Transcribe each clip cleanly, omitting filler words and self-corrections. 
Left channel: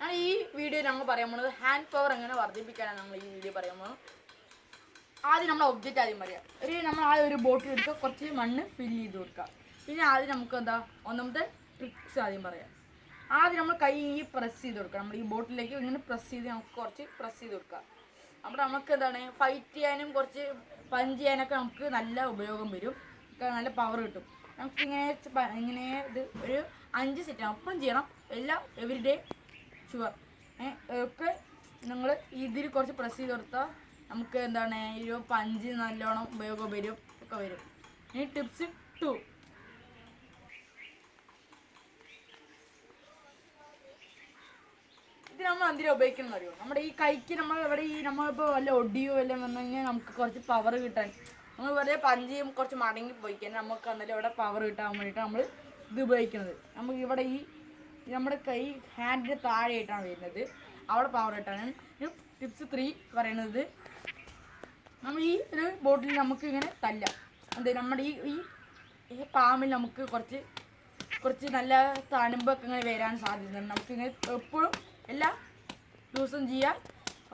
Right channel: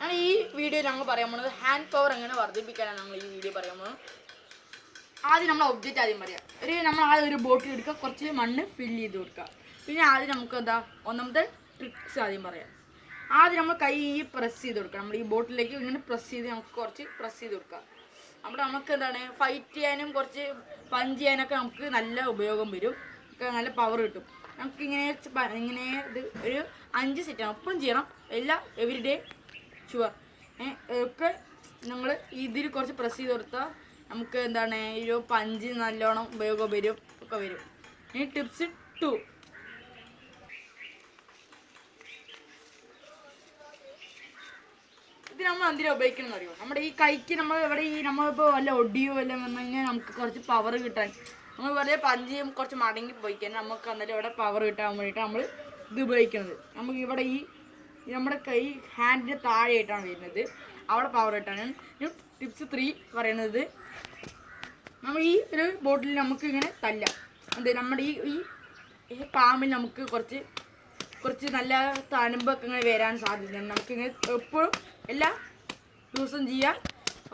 ഈ വീഡിയോ ഞങ്ങൾ പറയാൻ പോകുന്നത് ഹാൻഡ് പവർ എങ്ങനെ വർദ്ധിപ്പിക്കാനാണ് ഞങ്ങൾ ഈ വീഡിയോ പറയാൻ പോകുന്നത്. ആദ്യം നമ്മൾ ഒബ്ജക്റ്റ് ആദ്യം പറയാം. നമ്മൾ ആദ്യം ഒരു ബോട്ടിൽ എടുക്കുക, കുറച്ച് മണ്ണ് ഫില്ല് ചെയ്ത് കൊടുക്കുക. പിന്നെ ആദ്യം നമുക്ക് ഒന്നാമത്തെ ട്രിക്സ് ആദ്യം പറയാം. ആദ്യം നമ്മൾ കൈ പ്രസ് ചെയ്ത് കൊടുക്കുക. നമ്മൾ ഈ ബോട്ടിലേക്ക് ഇങ്ങനെ പ്രസ് ചെയ്ത് നമുക്ക് കുറച്ച് പ്രസ് ചെയ്ത് കൊടുക്കാം. അപ്പോൾ നമുക്ക് ഫൈറ്റ് ചെയ്യാനും കുറച്ച് പഞ്ച് ചെയ്യാനൊക്കെ നമുക്ക് നല്ല ഉപയോഗം വരും, നല്ല പവർ കിട്ടും. നമുക്ക് ഇങ്ങനെ ഇത് ഒരു 5 സെറ്റ് ഒപ്പം ചെയ്യണം, എവരി ഡേ ഷുവർ ഒക്കെ. നമ്മൾ ഇതിൽ കുറച്ച് പ്രസ് ചെയ്ത് കൊടുത്താൽ നമുക്ക് ഒരു പഞ്ച് നല്ലോണം ഉപയോഗം വരും ഒക്കെ വരും. ഇനി ടിപ്സ് 2. ഇത് നമ്മൾ എന്തിനാ ഉപയോഗിക്കണം അറിയോ? നമ്മുടെ ഈ കൈക്ക് നമ്മൾ നമ്മളിപ്പോൾ വല്ല ഒടിയോ വല്ല വന്നെങ്കിൽ നമുക്ക് കുറച്ച് പവർ കിട്ടാൻ, നമ്മൾ വെറുതെ പഞ്ച് കുറച്ച് മടങ്ങി പോയി കഴിഞ്ഞാൽ നമുക്ക് അന്നേരം ഇവിടെ പവർ കിട്ടാൻ വേണ്ടിയിട്ട് നമ്മൾ ഇത് ഉപയോഗിക്കുന്നത്. നമുക്ക് ഇവിടെ നമ്മുടെ കൈ ഹാൻഡിൻ്റെ താഴെയായിട്ടാണ് വരുന്നത്, അവിടെ പവർ കിട്ടാനാണ്. ടിപ്സ് 3 പറയുന്നത്, നമ്മൾ ഈ ഒരു ബോട്ടിൽ നമുക്ക് ഇങ്ങനെ തല്ലാം. നമ്മുടെ ഈ പാമ്പിൽ നമുക്ക് കുറച്ച് നല്ല തണുപ്പൊക്കെ ഇങ്ങനെ വരാൻ സാധ്യതയുണ്ട്. നമുക്കിങ്ങനെ എപ്പോഴും എല്ലാ ദിവസവും ചെയ്യാം.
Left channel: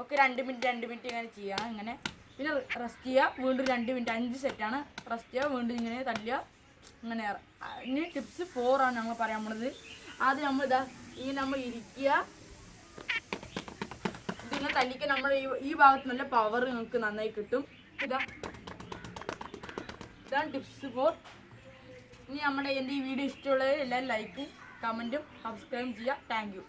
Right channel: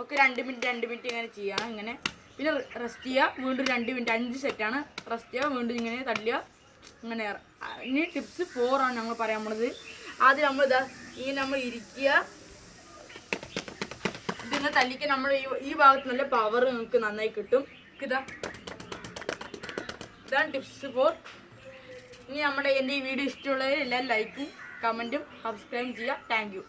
ഒക്കെ 2 മിനിറ്റ് ഇങ്ങനെ ചെയ്യാം. ഇങ്ങനെ പിന്നെ റെസ്റ്റ് ചെയ്യുക, വീണ്ടും 2 മിനിറ്റ്, 5 സെറ്റാണ് റെസ്റ്റ് ചെയ്യുക, വീണ്ടും ഇങ്ങനെ തല്ലുക, ഇങ്ങനെ. ഇനി ടിപ്സ് 4 ആണ് ഞങ്ങൾ പറയാൻ പോണത്. ആദ്യം നമ്മൾ നമ്മൾ ഇരിക്കുക, ഇതിങ്ങനെ തല്ലിക്കാൻ നമ്മൾ ഈ ഭാഗത്ത് നല്ല പവർ നമുക്ക് നന്നായി കിട്ടും. ഇതാണ് ടിപ്സ് 4. ഇനി എൻ്റെ ഈ വീഡിയോ ഇഷ്ടമുള്ളവർ എല്ലാവരും ലൈക്കും കമൻറ്റും സബ്സ്ക്രൈബ് ചെയ്യുക. Thank you.